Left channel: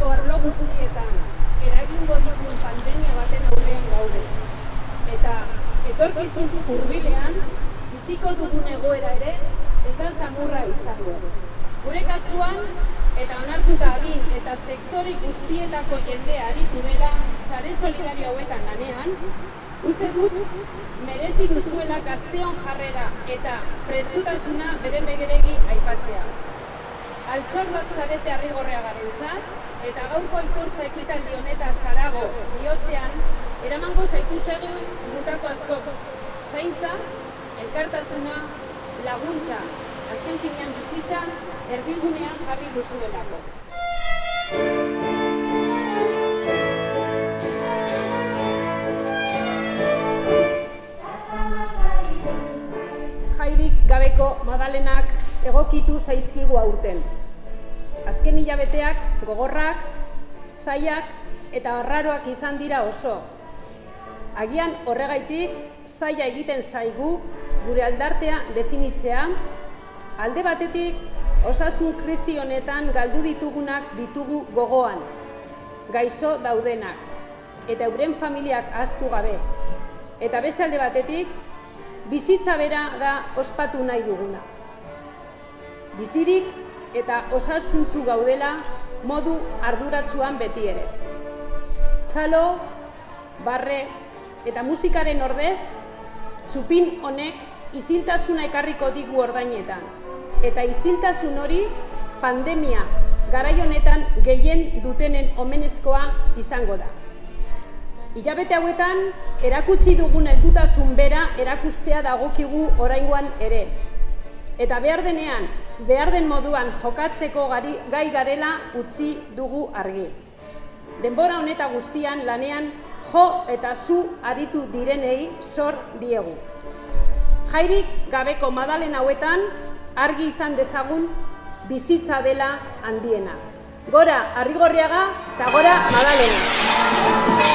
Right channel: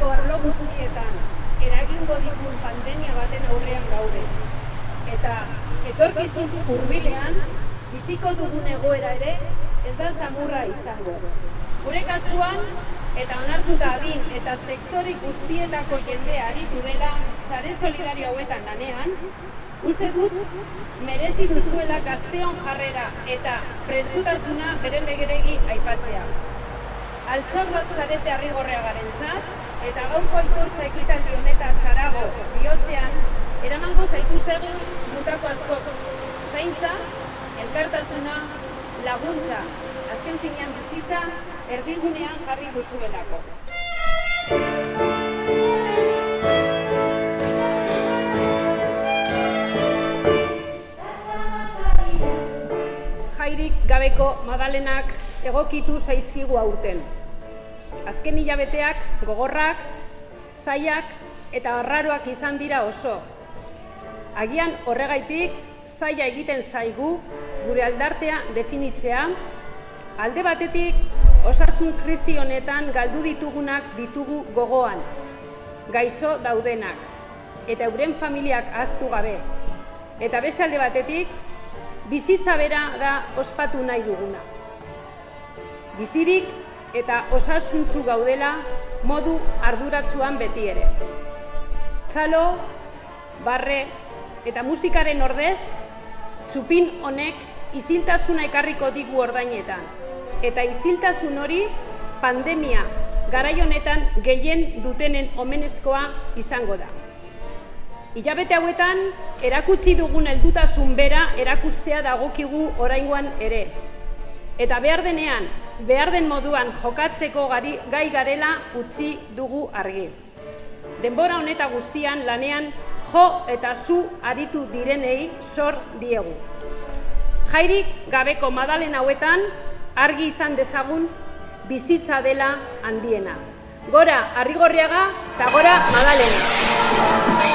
biziko arlo guztietan eragingo digun pandemia baten aurrean gaude. Eta etorkizun hurbilean biziko dugun egoera ere ez da samurra izango. Gure kasuan, eta onartuta adin eta sektore guztietako jendea aritu dela sare solidario hauetan lanean, uste dut merezi duzuela gazteon jarrera eta prestutasuna beren begeregi aipatzea. Altxor bat zarete Arrigorriagarentzat eta gaurko aitortza ekitaldi honetaz harago bihotzean eramango zaituztegu mutako askok. Zaintza, elkartasuna, laguntza, azken finean bizitza erdigunean jarri duzuelako. Jairik gabeko Madalenak egokitu zaizkigu aurten. Azken hilabeteak gogorrak, zailak eta arraroak izan dira oso. Agian horregaitik zaila egiten zaigu gure aldartea definitzea, alde batetik osasun krisi honetan galdu ditugunak ditugu gogoan, gaixo daudenak eta euren familiak ahaztu gabe. Eta beste alde batetik, bizitza bera da ospatu nahi duguna. Bizirik eta osasuntsu gaudela modu arduratsuan beti ere. Txalo, barre eta musikaren ordez, txupin honek isiltasuna ekarriko digu ordainetan. Eta isiltasun hori pandemia garai honetan gehien dutenen omenezkoa izango da. Hilabete hauetan erakutsi dugun heldutasun bera erakustea dagokigu oraingoan ere. Eta behar denean, behar den moduan jokatzeko gai garela utzi dugu argi. Denbora honeta guztian lanean jo eta zu aritu direnei zor diegu. Jairik gabeko Madalen hauetan argi izan dezagun bizitza dela handiena. Gora Arrigorriaga eta gora Madalena!